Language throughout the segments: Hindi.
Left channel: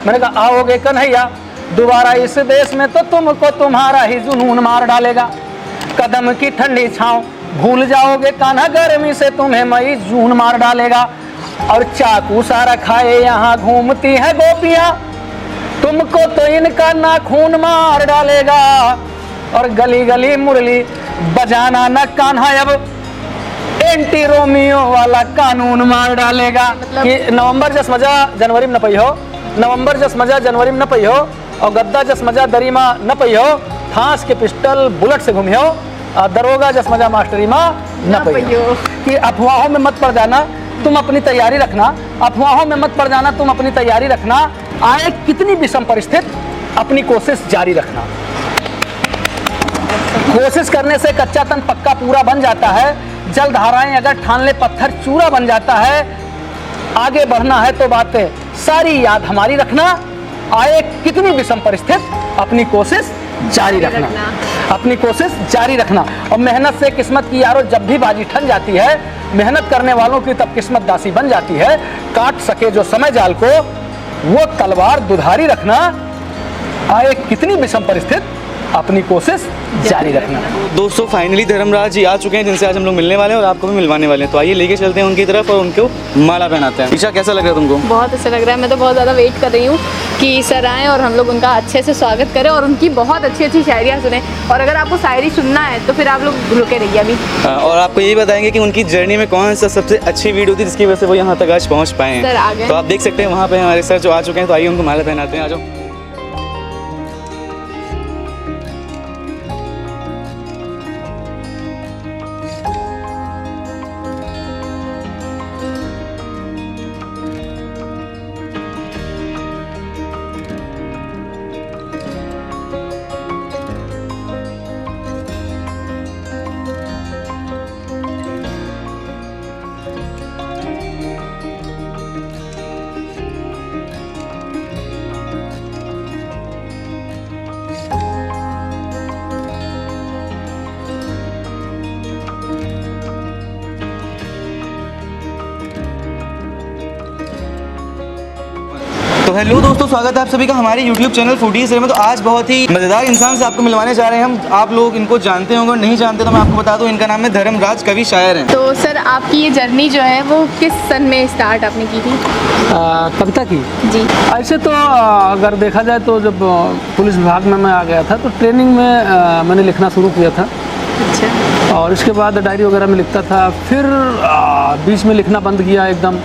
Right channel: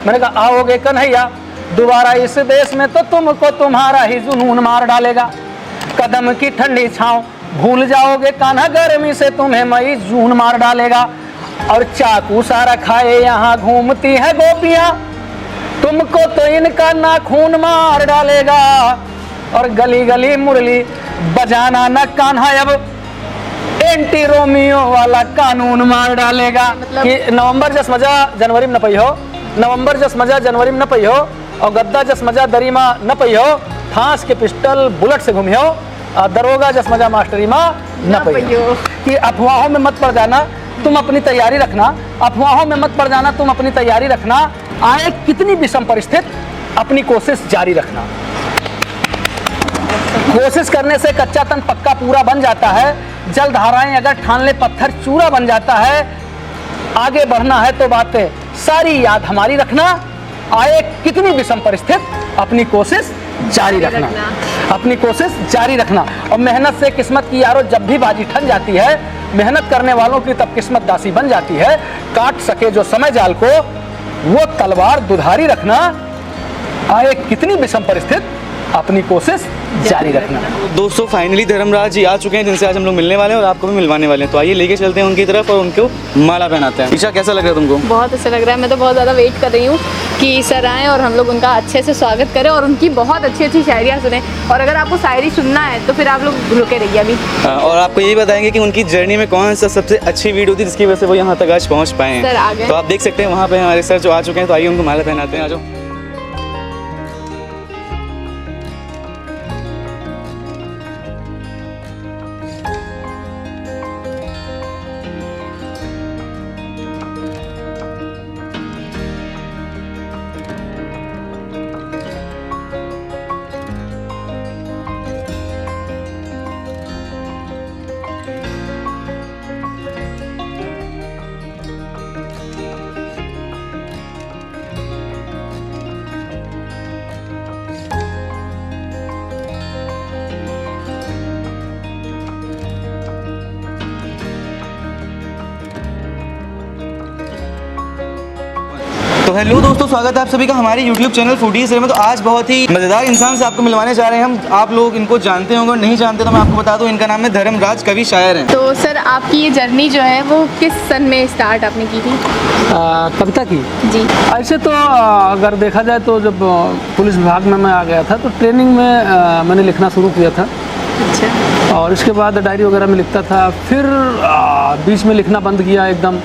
मैंने कहा आओगे कन्हैया दोबारा इस देश में तो तुमको तुम्हारा ही जुनून मार डालेगा। कदम की ठंडी छांव भूल जाओगे कान्हा, गर्मी से तुम्हें मई जून मार डालेगा। और चाकू सारा खाए यहाँ घूमती है गोपियां, तुमको तो इनका नाखून मार डालेगा। और गली गली मुरली बजाना न कान्हा, अब एंटी रोमियो वाला कानून मार डालेगा। कि नवंबर जस मजा जनवरी में न पई हो, नवंबर जस मजा जनवरी में न पई हो, और गद्दा जस मजा दरीमा न पई हो, फांस के पिस्टल बुलेट से घूमी हो, दरोगा जस मजा मास्टरी माँ न पई हो। कि अफवाहों में मत पड़ जाना, तुम अपनी तैयारी रखना, अफवाहों में मत पड़ जाना, तुम अपनी तैयारी रखना। आए कितनी विषम परिस्थिति अपनी कोशिश जारी रखना। कोशिश करने से कच्चा तन पक्का पूरा बन जाता है, जल धाराएं अगर ठान ले पत्थर चूरा बन जाता है। आगे बढ़ना है तो बात सारी याद हमारी रखना। आए कितनी विषम परिस्थिति अपनी कोशिश जारी रखना, अपनी कोशिश जारी रखना। और मेहनत से किस्मत की यारो जब भी बाजी ठन जाती है, मेहनत करने वालों की तब किस्मत दासी बन जाती है। काट सके जो समय जाल को वो तलवार दुधारी रखना। आए कितनी विषम परिस्थिति अपनी कोशिश जारी रखना। तो दोस्तों फाइनली धर्मराज जी आ चुके हैं, जिनसे आज हम लोग मिलने वाले हैं और आपको भी मिलवाने वाले हैं। तो आइए लेके चलते हैं उनकी तरफ और उनको माला पहनाते हैं। ईशा कैसा लग रहा है तुमको? बहुत अच्छा लग रहा है। मैं तो बहुत ज़्यादा वेट कर रही हूँ कि सर आएँ और हम लोग उनका अच्छे से स्वागत करें और उनकी बहुत अच्छी अच्छी शायरियाँ सुने। और अगर आपको शायरी सुनना है तो फिर आप लोग रुके रहिए अभी। और आपको यही बताएंगे कि उनकी जर्नी में कौन सा सबसे अच्छी वीडियो थी जिसकी वजह से वो यहाँ तक आज पहुँच पाए हैं। सर आ गए। तो आप देख सकते हैं वहाँ पे हमारे सर जो आ चुके हैं। तो आइए उनको माला पहनाते हैं। आ जाओ। तो हेलो दोस्तों, स्वागत है आप सभी का हमारे YouTube चैनल फूडीज में। तो आज बहुत ही मज़ेदार इंसान से आपको मिलवाने जा रहे हैं हम। आप लोग इनको जानते होंगे और नहीं जानते तो मैं आपको बता दूं, इनका नाम है धर्मराज, कवि शायर हैं। तो सर आपकी ये जर्नी जो है वो किस सन में स्टार्ट आपने की थी? कविता की जी। ऐसे तो अगर देखा जाए तो जब पुलिस विभाग में मैं आ गया था तो ट्रेनिंग में मैंने लिखना शुरू किया था। अच्छा। और इसके बाद डायरी वगैरह में लिखता था। फिर बीच में लिखना बंद किया एकदम।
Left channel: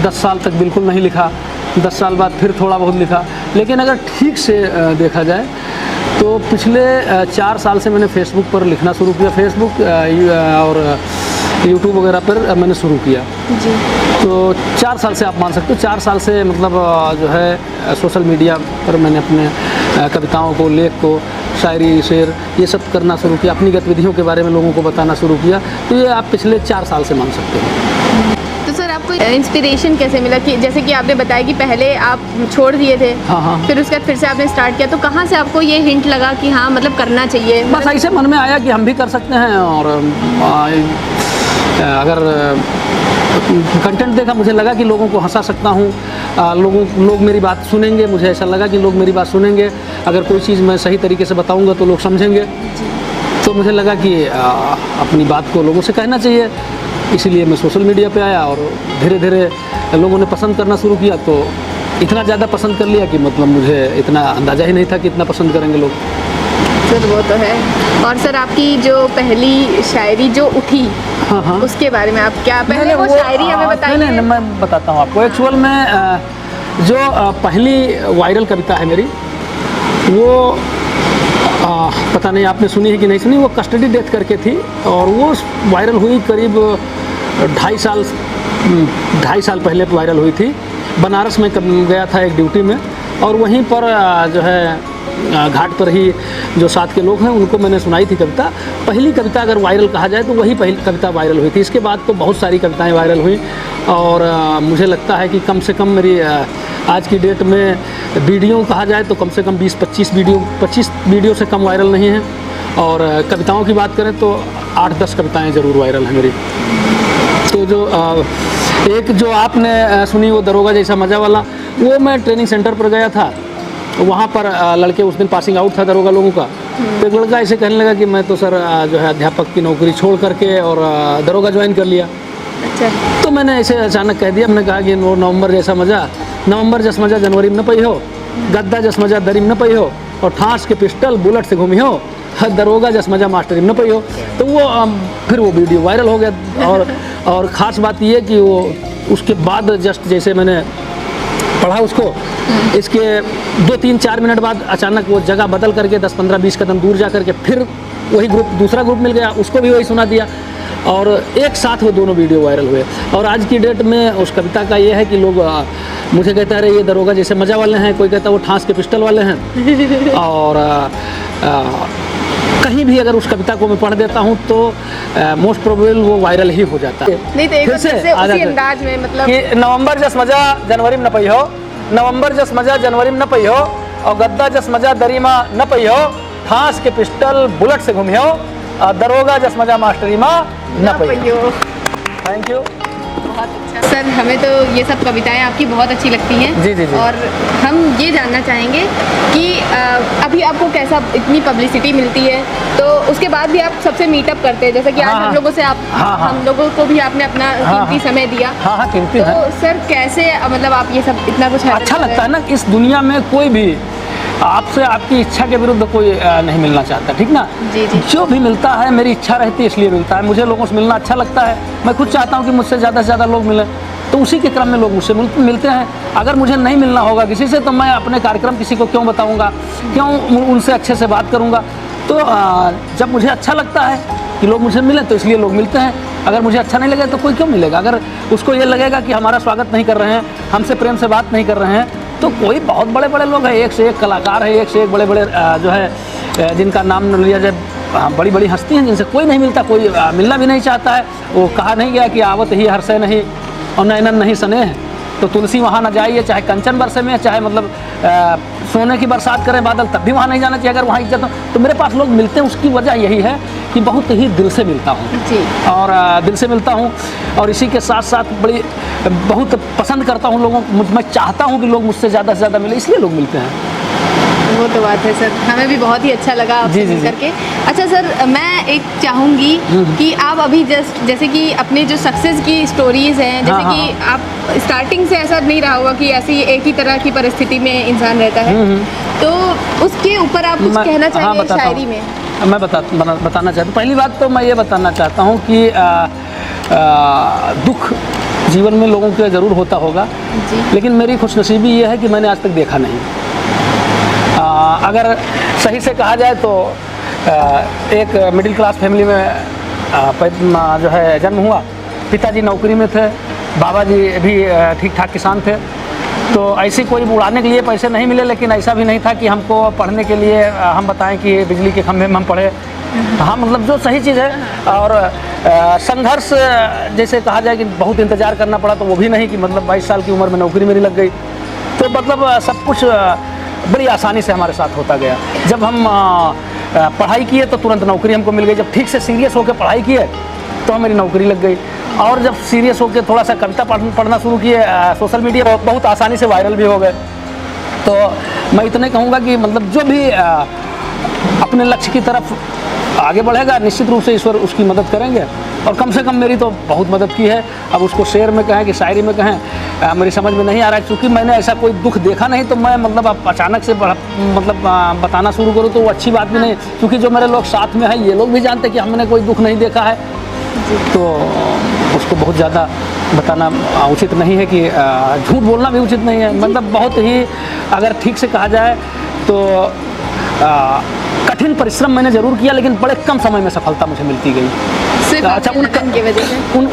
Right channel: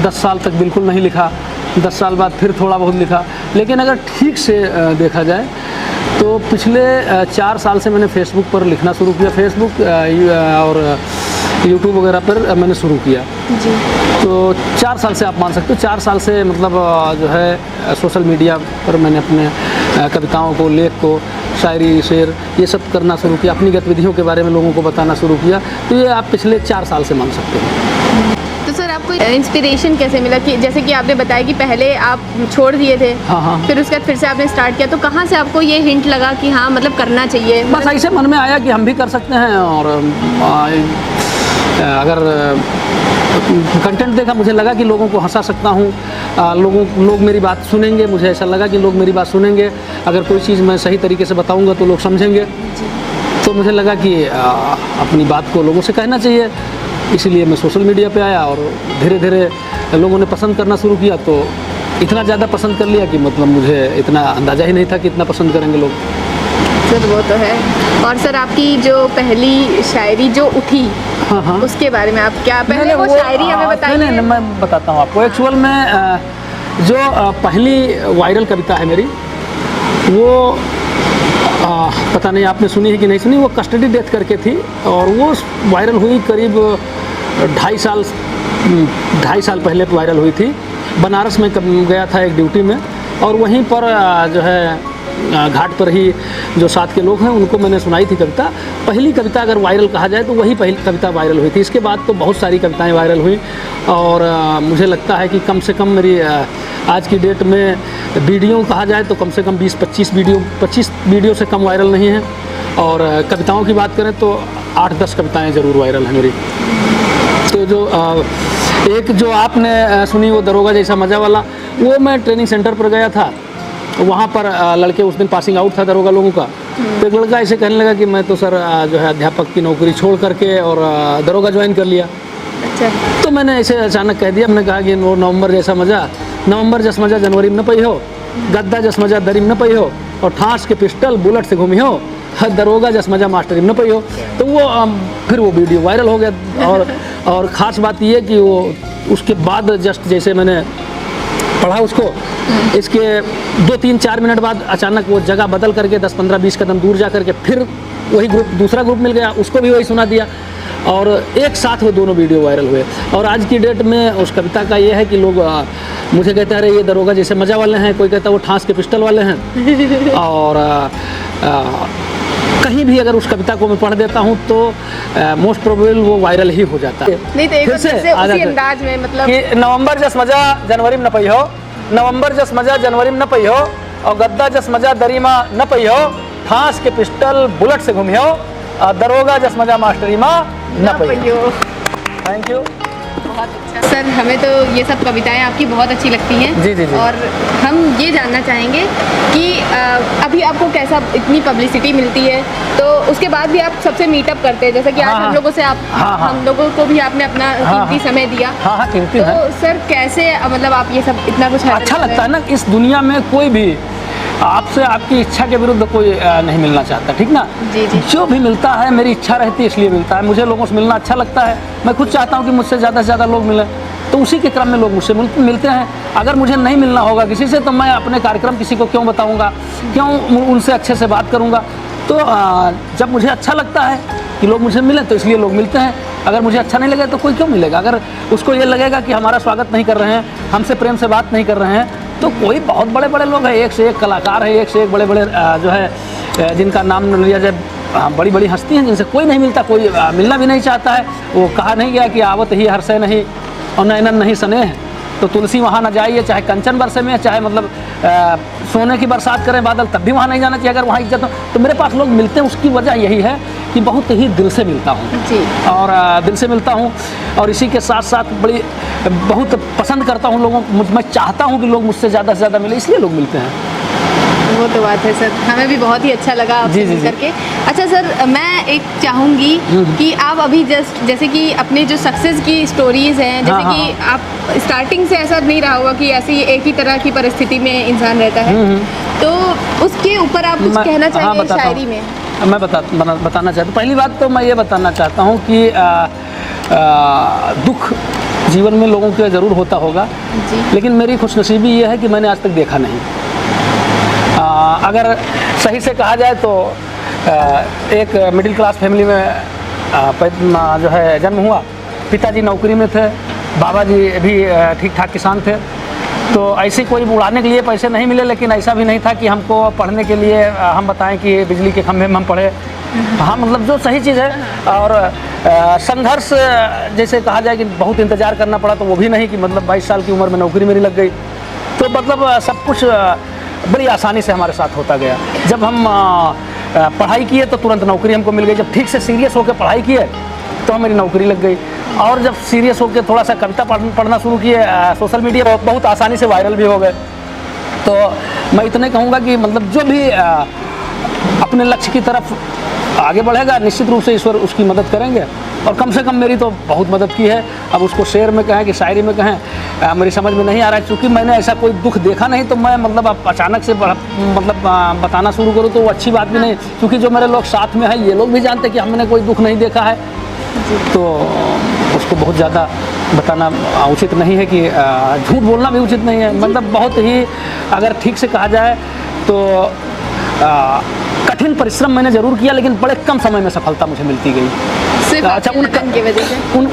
10 साल तक बिल्कुल नहीं लिखा। 10 साल बाद फिर थोड़ा बहुत लिखा। लेकिन अगर ठीक से देखा जाए तो पिछले 4 साल से मैंने फेसबुक पर लिखना शुरू किया। फेसबुक और यूट्यूब वगैरह पर मैंने शुरू किया। तो 4 साल से आप मान सकते हो, 4 साल से मतलब जो है सोशल मीडिया पर मैंने अपनी कविताओं को, लेख को, शायरी, शेर ये सब करना शुरू किया। अपनी गतिविधियों के बारे में लोगों को बताना शुरू किया। तो ये आप पिछले 4 साल से मान सकते हो। तो सर आपको इंस्पिरेशन कैसे मिला कि जैसे कि आपने बताया कि पहले आप छोड़ दिए थे, हाँ। फिर उसके बाद फिर से आपने स्टार्ट किया, तो कहाँ से आपको ये हिंट लगा कि हाँ मतलब करना चाहिए? बस ऐसे मन में आया कि हम भी कर सकते हैं। और अगर कंटेंट देखा, मुझे लगा कि लोगों को हंसा सकता हूँ, लोग मेरी बात सुनेंगे। मुझे ऐसा लगा कि लोग मेरी बात सुनेंगे। अगर कोई चीज़ मैं सही तरीके से बताऊँगा तो लोग समझेंगे। तो मुझे लगा कि अपनी बात को लोगों से कहना चाहिए, इसलिए मैं सोशल मीडिया पे आया। और धीरे धीरे लोगों ने पसंद करना शुरू किया। तो इतना ज़्यादा पसंद कर लिया कि मतलब मुझे इतना अंदाज़ा ही नहीं था कि इतना पसंद करेंगे लोग। सर वो तो है। और सर आपकी जो पहली शायरी जो उठी, हाँ। उसके बारे में आप क्या पहले वो शायरी हमें बताइए? नहीं, मैं बताता हूँ आपको। एक्चुअल में जो पहली वायरल कविता है मेरी, वो पता नहीं आपने सुनी है कि नहीं सुनी। वो कस्टडी डेथ करके थी और वो वायरल हुई करीब 2.5 साल पहले वायरल हुई थी। बनारस में गया था एक ड्यूटी में, और वहीं पर जो है घाट पर ही जो साथ के लोग हैं उनको मैंने सुनाई थी कविता। पहली कविता अगर वायरल कहा जाए तो वही पहली कविता वायरल हुई थी। इसके बाद तो बहुत सारी कविताएं वायरल हुई। और मुझे लगता है कि कम से कम मेरी आज की डेट में वीडियो कहा जाए तो कम से कम 20-25 वीडियो से कम वायरल नहीं है। और कविताओं की बात करें तो 8-10 कविताएं ज़रूर वायरल हैं मेरी। तो एक जो आपने सुनी वो दरोगा जैसा मजा वाला, वो मैं ट्रेनिंग सेंटर पर गया था, तो वहाँ पर लड़के उस दिन पासिंग आउट था दरोगा लोगों का। तो एक लड़का ऐसे कहने लगा कि मैं तो सर जो है अध्यापक की नौकरी छोड़ करके और दरोगा ज्वाइन कर लिया। अच्छा। तो मैंने ऐसे अचानक कह दिया, मैंने कहा कि वो नवंबर जैसा मजा, नवंबर जस मजा जनवरी में न पई हो, गद्दा जस मजा दरी में न पई हो, और ठास के पिस्टल बुलेट से घूमी हो, दरोगा जस मजा मास्टरी में न पई हो। तो वो फिर वो वीडियो वायरल हो गया। और ख़ास बात ये कि वो उसके बाद जस्ट जैसे मैंने पढ़ा उसको, इसके 2-3-4 मिनट बाद अचानक वो जगह बदल करके 10-15-20 कदम दूर जा करके फिर वही ग्रुप, दूसरा ग्रुप मिल गया, उसको भी वही सुना दिया, और एक साथ वो दोनों वीडियो वायरल हुए। और आज की डेट में उस कविता का ये है कि लोग मुझे कहता है ये दरोगा जैसे मजा वाले हैं, कोई कहता है वो ठास के पिस्टल वाले हैं। और कहीं भी अगर उस कविता को मैं पढ़ देता हूँ तो मोस्ट प्रोबेबल वो वायरल ही हो जाता है। नहीं तो एक फिर से उसी अंदाज में मतलब कि नवंबर जस मजा जनवरी में न पई हो, नवंबर जस मजा जनवरी में न पई हो, और गद्दा जस मजा दरी में न पई हो, ठास के पिस्टल बुलेट से घूमी हो, दरोगा जस मजा मास्टरी में न पई हो। Thank you. बहुत अच्छा सर, हमें तो ये सब कविताएं आपकी बहुत अच्छी लगती हैं। जी जी जी। और हम ये जानना चाहेंगे कि अभी आपको कैसा, इतनी पब्लिसिटी मिलती है तो उसके बाद भी आप सबसे मीटअप करते हैं, जैसे कि आज हम लोगों से आप हम लोगों को भी आपने अपना कीमती समय दिया। तो सर कैसे मतलब आप ये सब इतना कुछ अच्छा लगता है ना, इस दुनिया में कोई भी आपसे आपकी इच्छा के विरुद्ध कोई नहीं मिलना चाहता, ठीक ना। जी जी। जो भी मिलता है मेरी इच्छा रहती है इसलिए मिलता है। मुझे लोगों से मिलना अच्छा लगता है, मैं खुद चाहता हूँ कि मुझसे ज़्यादा से ज़्यादा लोग मिलें, तो उसी के क्रम में लोग मुझसे मिलते हैं। अगर मुझे नहीं मिलना होगा किसी से तो मैं अपने कार्यक्रम किसी को क्यों बताऊँगा, क्यों उनसे अच्छे से बात करूँगा। तो जब मुझे अच्छा लगता है कि लोग मुझे मिलें तो इसलिए लोग मिलते हैं। अगर मुझे अच्छा नहीं लगेगा तो कोई क्यों मिलेगा। अगर उसको ये लगेगा कि हमारा स्वागत नहीं कर रहे हैं, हमसे प्रेम से बात नहीं कर रहे हैं, तो कोई बहुत बड़े बड़े लोग हैं, एक से एक कलाकार है, एक से एक बड़े बड़े जो है जिनका नाम न लिया जाए, बड़ी बड़ी हस्ती हैं जिनसे कोई नहीं मिलता, कोई मिलना भी नहीं चाहता है। वो कहा नहीं गया कि आवत ही हर्षय नहीं और नैनन नहीं सने, तो तुलसी वहाँ न जाइए, चाहे कंचन बरसे में, चाहे मतलब सोने की बरसात करे बादल, तब भी वहाँ नहीं जाना चाहिए। अगर वहाँ जगह तो मेरे पास लोग मिलते हैं, उसकी वजह यही है कि बहुत ही दिल से मिलता हूँ और दिल से मिलता हूँ, और इसी के साथ साथ बहुत पसंद करता हूँ लोगों को। मैं चाहता हूँ कि लोग मुझसे ज़्यादा से ज़्यादा मिले, इसलिए लोग मिलते हैं। वो तो बात है सर, हमें भी बहुत ही अच्छा लगा आपसे मिल करके। अच्छा सर, मैं एक चाहूँगी कि आप अभी जैसे कि अपने जो सक्सेस की स्टोरीज हैं, जैसे कि आप स्टार्टिंग से ऐसा नहीं रहा होगा कि ऐसी एक ही तरह की परिस्थिति में इंसान रहता है, तो उसके ऊपर आप कुछ कहना चाहिए शायरी में? मैं बताना चाहता हूँ। पहली बात तो मैं ये बताना चाहता हूँ कि दुख जीवन में लोगों के ज़रूर होता होगा, लेकिन मेरी खुशनसीबी ये है कि मैंने आज तक देखा नहीं। अगर सही से कहा जाए तो एक मिडिल क्लास फैमिली में जो है जन्म हुआ। पिताजी नौकरी में थे, बाबा जी भी ठीक ठाक किसान थे, तो ऐसे कोई उड़ाने के लिए पैसे नहीं मिले, लेकिन ऐसा भी नहीं था कि हमको पढ़ने के लिए हम बताएं कि बिजली के खंभे में हम पढ़े। हाँ, मतलब जो सही चीज़ है। और संघर्ष जैसे कहा जाए कि बहुत इंतज़ार करना पड़ा, तो वो भी नहीं कि मतलब 22 साल की उम्र में नौकरी मेरी लग गई। तो मतलब सब कुछ बड़ी आसानी से हमारे साथ होता गया। जब हम पढ़ाई किए तो तुरंत नौकरी हमको मिल गई। जब ठीक से सीरियस होकर पढ़ाई किए तो मेरी नौकरी लग गई। और जब सीरियस होकर थोड़ा सा कविता पढ़ना शुरू किए, सोशल मीडिया बहुत आसानी से वायरल भी हो गए। तो मैं इतने कहूँगा कि मतलब जो भी अपने लक्ष्य की तरफ आगे बढ़ेगा, निश्चित रूप से ईश्वर उसकी मदद करेंगे। और कम से कम मेरी तो बहुत मदद की है। अब उसको शेर में कहें कि शायरी में कहें, मेरी समझ में नहीं आ रहा है, क्योंकि मैंने ऐसा कोई दुख देखा नहीं। तो मैं मतलब अचानक से मतलब बताना शुरू करूँ तो वो अच्छी बात भी नहीं, क्योंकि जो मेरे लोग साथ में हैं ये लोग भी जानते कि हमने कोई दुख नहीं देखा है, तो उसको बहुत ज़्यादा बताना उचित नहीं है। कि झूठ बोलना भी उचित नहीं है। मतलब बहुत ही अगर ठीक से कहा जाए तो कठिन परिश्रम मैंने जरूर किया, लेकिन बड़े कम समय में सफलता मुझे मिलती गई।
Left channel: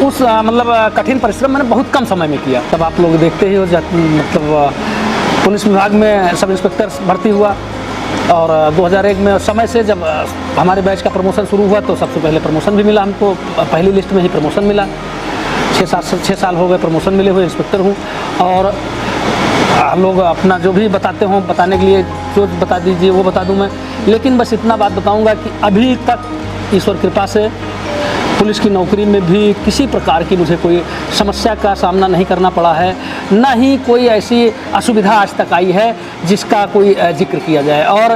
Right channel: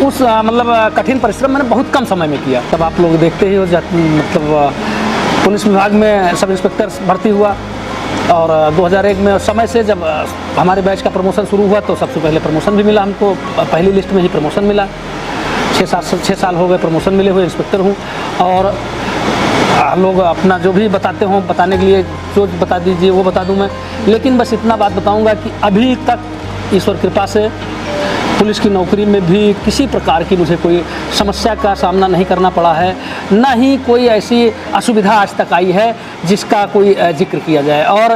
उस मतलब कठिन परिश्रम मैंने बहुत कम समय में किया। तब आप लोग देखते ही हो, मतलब पुलिस विभाग में सब इंस्पेक्टर भर्ती हुआ, और 2001 में समय से जब हमारे बैच का प्रमोशन शुरू हुआ तो सबसे पहले प्रमोशन भी मिला हमको। पहली लिस्ट में ही प्रमोशन मिला। 6 साल हो गए प्रमोशन मिले हुए, इंस्पेक्टर हूँ। और लोग अपना जो भी बताते हों, बताने के लिए बता दीजिए, वो बता दूँ मैं। लेकिन बस इतना बात बताऊँगा कि अभी तक ईश्वर कृपा से पुलिस की नौकरी में भी किसी प्रकार की मुझे कोई समस्या का सामना नहीं करना पड़ा है, ना ही कोई ऐसी असुविधा आज तक आई है जिसका कोई जिक्र किया जाए। और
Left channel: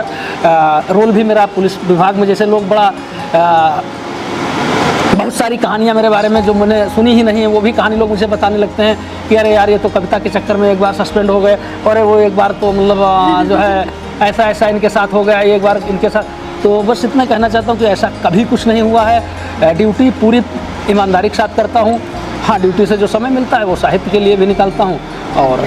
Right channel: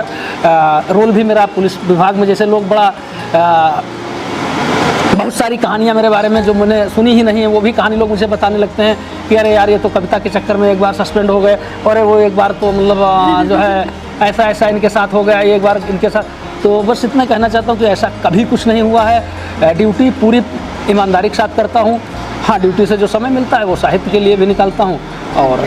रोल भी मेरा पुलिस विभाग में, जैसे लोग बड़ा बहुत सारी कहानियाँ मेरे बारे में जो मैंने सुनी ही नहीं है, वो भी कहानी लोग मुझे बताने लगते हैं कि अरे यार ये तो कविता के चक्कर में एक बार सस्पेंड हो गए, और वो एक बार तो मतलब जो है ऐसा इनके साथ हो गया, एक बार इनके साथ। तो बस इतना कहना चाहता हूँ कि ऐसा कभी कुछ नहीं हुआ है। ड्यूटी पूरी ईमानदारी के साथ करता हूँ। हाँ, ड्यूटी से जो समय मिलता है वो साहित्य के लिए भी निकालता हूँ और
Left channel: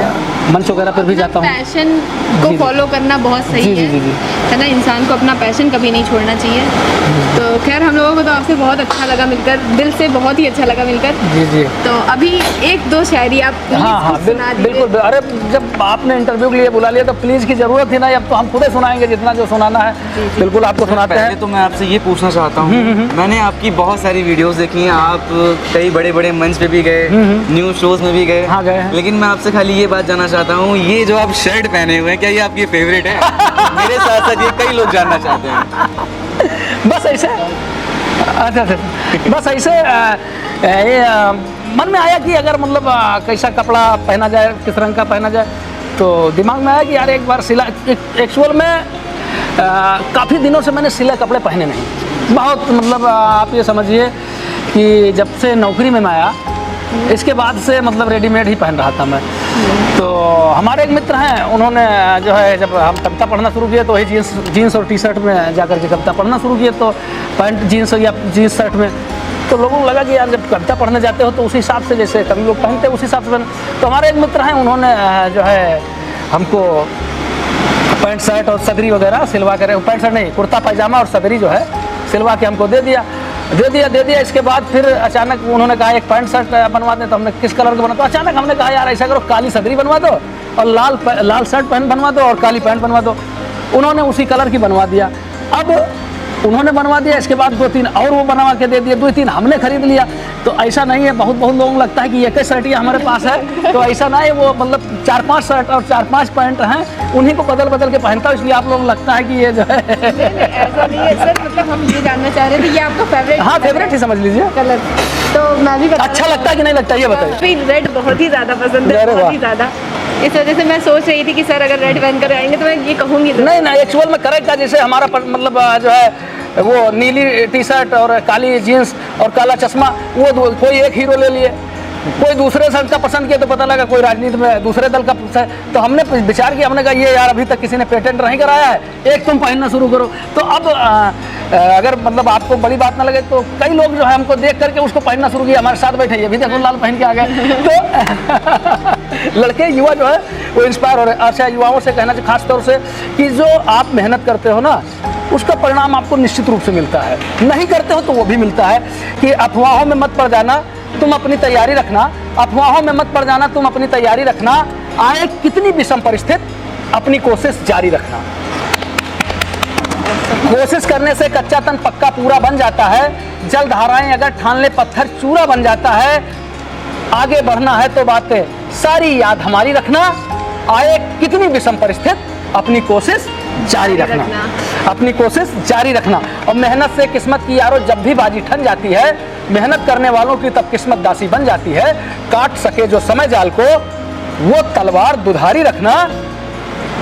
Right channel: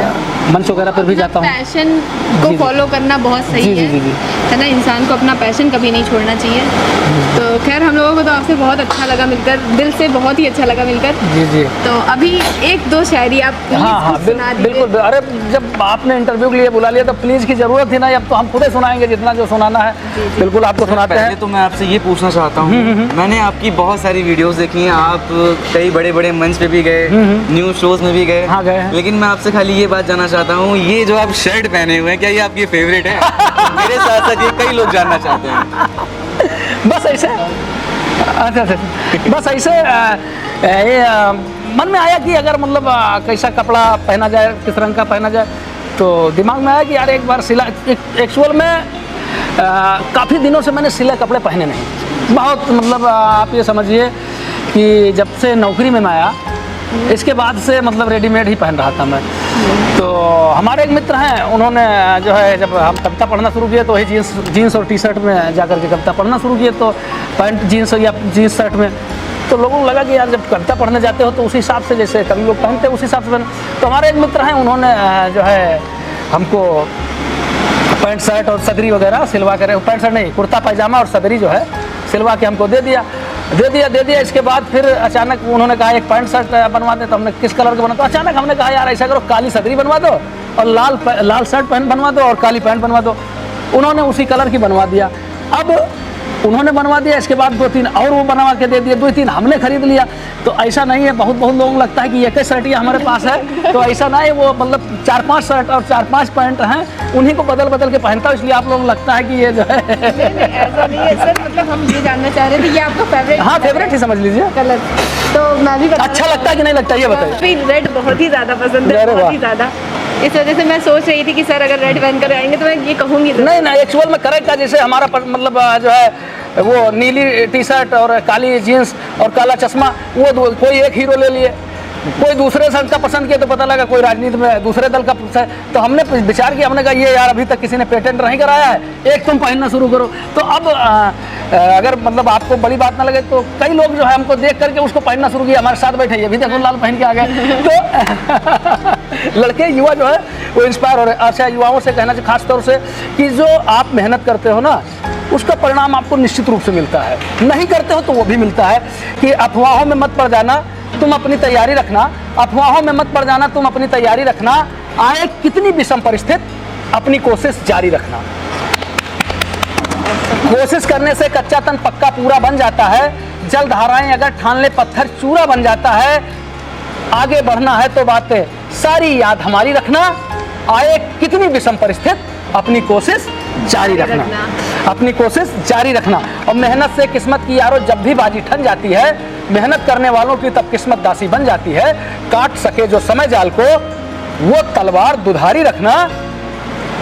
मंच वगैरह पर भी जाता हूँ। पैशन को फॉलो करना बहुत सही है ना, इंसान को अपना पैशन कभी नहीं छोड़ना चाहिए। तो खैर हम लोगों को तो आपसे बहुत अच्छा लगा मिलकर, दिल से बहुत ही अच्छा लगा मिलकर। जी। तो अभी एक दो शायरी आप हाँ बिल्कुल। अरे जब आपने इंटरव्यू के लिए बुला लिया तो प्लीज़ की ज़रूरत ही नहीं, अब तो हम खुद ही सुनाएंगे जितना जो सुनाना है। बिल्कुल आपको सुनाते हैं। पहले तो मैं आपसे ये पूछना चाहता हूँ, मैंने आपकी बहुत सारी वीडियोस देखी हैं, आप कई बड़े बड़े मंच पे भी गए, न्यूज़ शोज में भी गए। हाँ, गए हैं। लेकिन मैं आपसे खाली ये बात जानना चाहता हूँ, ये जो आप शर्ट पहने हुए हैं, क्या ये आपकी फेवरेट है? मेरे साथ साथ ये कई लोग जानना चाहते हैं। बस ऐसे अच्छा बस ऐसे ये मन में आया कि अगर मतलब कैसा कपड़ा पहना जाए, किस रंग का पहना जाए, तो दिमाग में आया कि यार एक बार सिला। एक्चुअल में काफ़ी दिनों से मैंने सिले कपड़े पहने नहीं, बहुत मतलब आप ये समझिए कि जब से नौकरी में मैं आया इसके बाद से मतलब रेडीमेड ही पहन रहा था मैं। तो हमारे एक मित्र हैं, उन्होंने जो है जब हम कविता पढ़ना शुरू किया तो वही जीन्स और टी शर्ट में जाकर के कविता पढ़ना शुरू किया। तो जीन्स शर्ट में तो लोगों को लगा कि आप जब कविता पढ़ने जाते हो तो उस हिसाब से जैसे अभी लोग पहनते हैं उस हिसाब से। तो हमारे एक मित्र हैं, उन्होंने जो है हमको पैंट शर्ट और सदरी वगैरह सिलवा कर, पैंट शर्ट नहीं, कुर्ता पैजामा और सदरी जो है सिलवा के हमको दे दिया। इसके बाद फिर अचानक उन्होंने कहा एक पैंट शर्ट बनवा दे। तो हमने किस कलर का बना, तो अचानक हमने कहा यार ऐसा करो काली सदरी बनवा दो और लाल शर्ट पैंट बनवा दो और काली पैंट बनवा दो। उन्होंने उसी कलर की बनवा दिया। अब उन्होंने बनवा दिया, इसके बाद 2-3 और वो बनवा के दे दिए, 2-3 हमने खरीद लिया। तो ऐसा नहीं है, बहुत लोगों को लगता है कि एक ही शर्ट ही हमारे पास है, तो ऐसा नहीं है। वो मतलब 4-5 शर्ट और 4-5 पैंट हैं, उन्हीं को बदल के पहनता हूँ, इसलिए आप लोग लगता है कि ये जो है ऐसा नहीं है सर, मतलब हम ये जानना चाह रहे थे कि आपका फेवरेट, हाँ फेवरेट ही समझ लीजिए कलर। तो मैं भी अच्छा लगता है कि नहीं लगता ये बताइए। रेड बहुत ही ज़्यादा पसंद है, बहुत ही ज़्यादा। इस वजह से मैं सोच रही थी कि सर अगर रेड पहन कर आएंगे तो मैं ये कहूँगी नहीं, एक्चुअल में करेक्ट है। जैसे हमारा मतलब जो है वो नीली टी शर्ट और काली जीन्स और काला चश्मा, वो कोई एक हीरो ले लिए, कोई दूसरे दल का पसंद किया तो पता लगा कोई राजनीति में दूसरे दल का पसंद। तो हमने विचार किया, हमने कहा ये यार अभी तक किसी ने पेटेंट नहीं कराया है, एक तुम पहनना शुरू करो। तो हमारे साथ बैठे जवाहरलाल पहन के आ गए। लड़के युवा जो है वो इंस्पायर हो रहे हैं। अच्छा, युवाओं से कहना चाहिए खास तौर से कि जो आप मेहनत करते हो ना उसका परिणाम आपको निश्चित रूप से मिलता है, नहीं करते हो तो वो भी मिलता है। कि अफवाहों में मत पड़ जाना, तुम अपनी तैयारी रखना। अफवाहों में मत पड़ जाना, तुम अपनी तैयारी रखना। आए कितनी विषम परिस्थिति, अपनी कोशिश जारी रखना। कोशिश करने से कच्चा तन पक्का पूरा बन जाता है। जल धाराएं अगर ठान ले पत्थर चूरा बन जाता है। आगे बढ़ना है तो बातें सारी याद हमारी रखना। आए कितनी विषम परिस्थिति, अपनी कोशिश जारी रखना, अपनी कोशिश जारी रखना। और मेहनत से किस्मत की यारो जब भी बाजी ठन जाती है, मेहनत करने वालों की तब किस्मत दासी बन जाती है। काट सके जो समय जाल को, वो तलवार दुधारी रखना।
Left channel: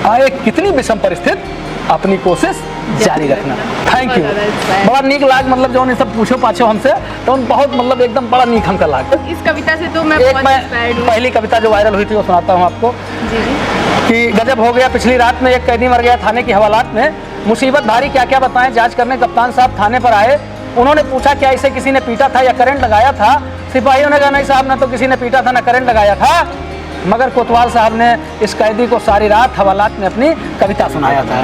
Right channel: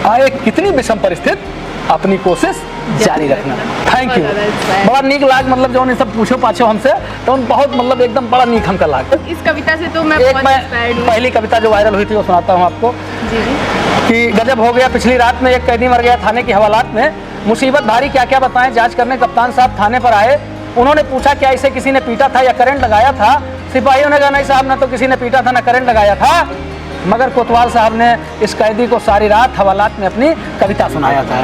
आए कितनी विषम परिस्थिति, अपनी कोशिश जारी रखना। थैंक यू, बड़ा नीक लाग, मतलब जो सब पूछो पाछो हमसे तो बहुत मतलब एकदम बड़ा नीक हमका लाग। इस कविता से तो मैं बहुत इंस्पायर्ड हूं। पहली कविता जो वायरल हुई थी वो सुनाता हूँ आपको। जी कि गजब हो गया पिछली रात में, एक कैदी मर गया थाने की हवालात में। मुसीबत भारी क्या क्या बताएं, जांच करने कप्तान साहब थाने पर आए। उन्होंने पूछा क्या इसे किसी ने पीटा था या करंट लगाया था। सिपाहियों ने कहा नहीं साहब, ना तो किसी ने पीटा था ना करंट लगाया था, मगर कोतवाल साहब ने इस कैदी को सारी रात हवालात में अपनी कविता सुनाया था।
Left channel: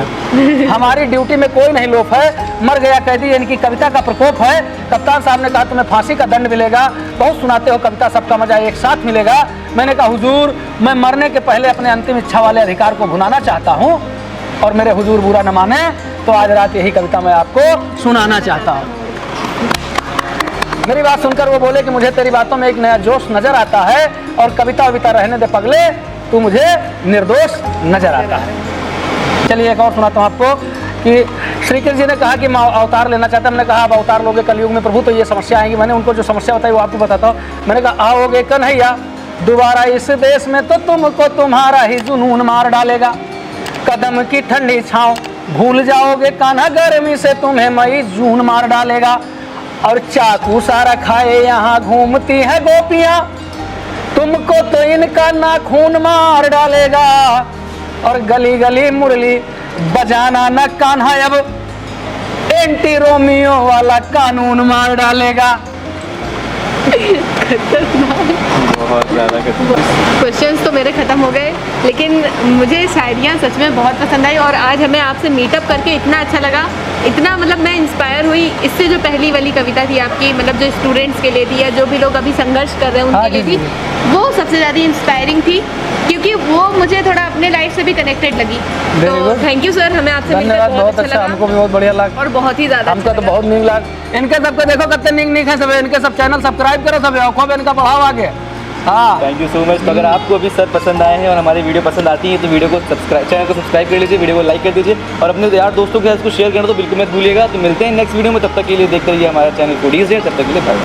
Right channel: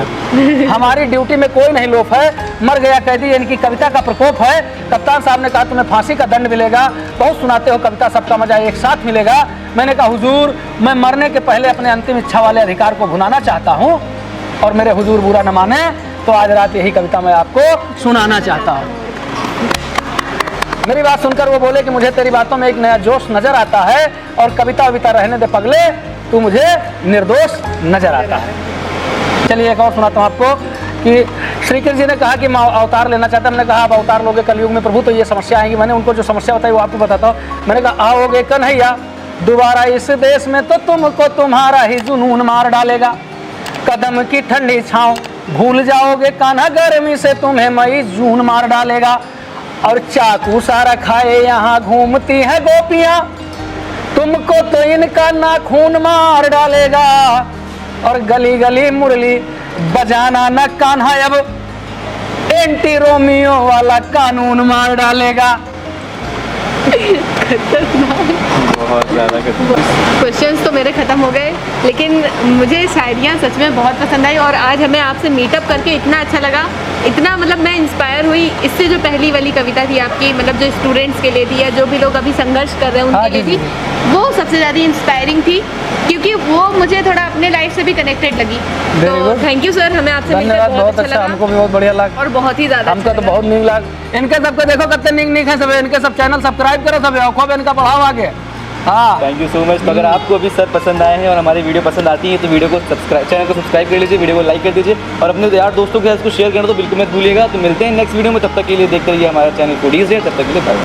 हमारी ड्यूटी में कोई नहीं लोफ है, मर गया कैदी इनकी कविता का प्रकोप है। कप्तान साहब ने कहा तुम्हें फांसी का दंड मिलेगा, बहुत सुनाते हो कविता, सबका मजा एक साथ मिलेगा। मैंने कहा हुजूर, मैं मरने के पहले अपने अंतिम इच्छा वाले अधिकार को भुनाना चाहता हूँ और मेरे हुजूर बुरा न माने तो आज रात यही कविता मैं आपको सुनाना चाहता हूँ। मेरी बात सुनकर वो बोले कि मुझे तेरी बातों में एक नया जोश नजर आता है और कविता रहने दे पगले, तू मुझे निर्दोष नजर आता है। चलिए एक और सुनाता हूँ आपको। कि श्री कृष्ण जी ने कहा कि मैं अवतार लेना चाहता, हमने कहा अब अवतार लोगे कलयुग में प्रभु तो ये समस्या आएगी। मैंने उनको जो समस्या बताई वो आपको बताता हूँ। मैंने कहा आओगे कन्हैया दोबारा इस देश में तो तुमको तुम्हारा ही जुनून मार डालेगा। कदम की ठंडी छाँव भूल जाओगे कान्हा, गर्मी से तुम्हें मई जून मार डालेगा। और चाकू सारा खाए यहाँ घूमती है गोपियाँ, तुमको तो इनका नाखून मार डालेगा। और गली गली मुरली बजाना न कान्हा, अब एंटी रोमियो वाला कानून मार डालेगा। बहुत ज़्यादा क्वेश्चंस तो मेरे ख़त्म हो गए, लेकिन मुझे शायरियाँ सच में बहुत पसंद आई और आज हमें आपसे मीटअप करके इतना अच्छा लगा, इतना मतलब मैं इंस्पायर हुई। इससे जो पहली वाली कविता थी आपकी, मतलब जो स्टूडेंट्स के लिए थी या जो भी लोग अभी संघर्ष कर रहे हैं हाँ, उनके जी, लिए थी, वो सबसे ज़्यादा इंस्पायरिंग थी क्योंकि वो मुझे थोड़ा अपने लाइफ से भी कनेक्टेड लगी। Very तो good. थैंक यू सर, हमें आपसे मिलकर धन्यवाद, बहुत अच्छा, लगा हमको भी बहुत बढ़िया लगा और बहुत ही ज़्यादा हमको तो बहुत नीक लगा। इनके सबको देखो कितने नीक नीक है सब, इनके सब चैनल सब्सक्राइब करो सब, खूब इनका बढ़ाओ आगे। हाँ थैंक यू सो मच। तो अगर आपको भी सर पसंद आए हैं और हमारी वीडियो पसंद आती है तो वीडियो को सब्सक्राइब, चैनल को सब्सक्राइब कर लीजिए, वीडियो को लाइक कर दीजिए और अपने यार दोस्तों के साथ इसको शेयर करना तो बिल्कुल मत भूलिएगा। तो मिलते हैं नेक्स्ट वीडियो में, तब तक के लिए देखते रहिए हमारा चैनल फूडीज है। तब तक के लिए बाय।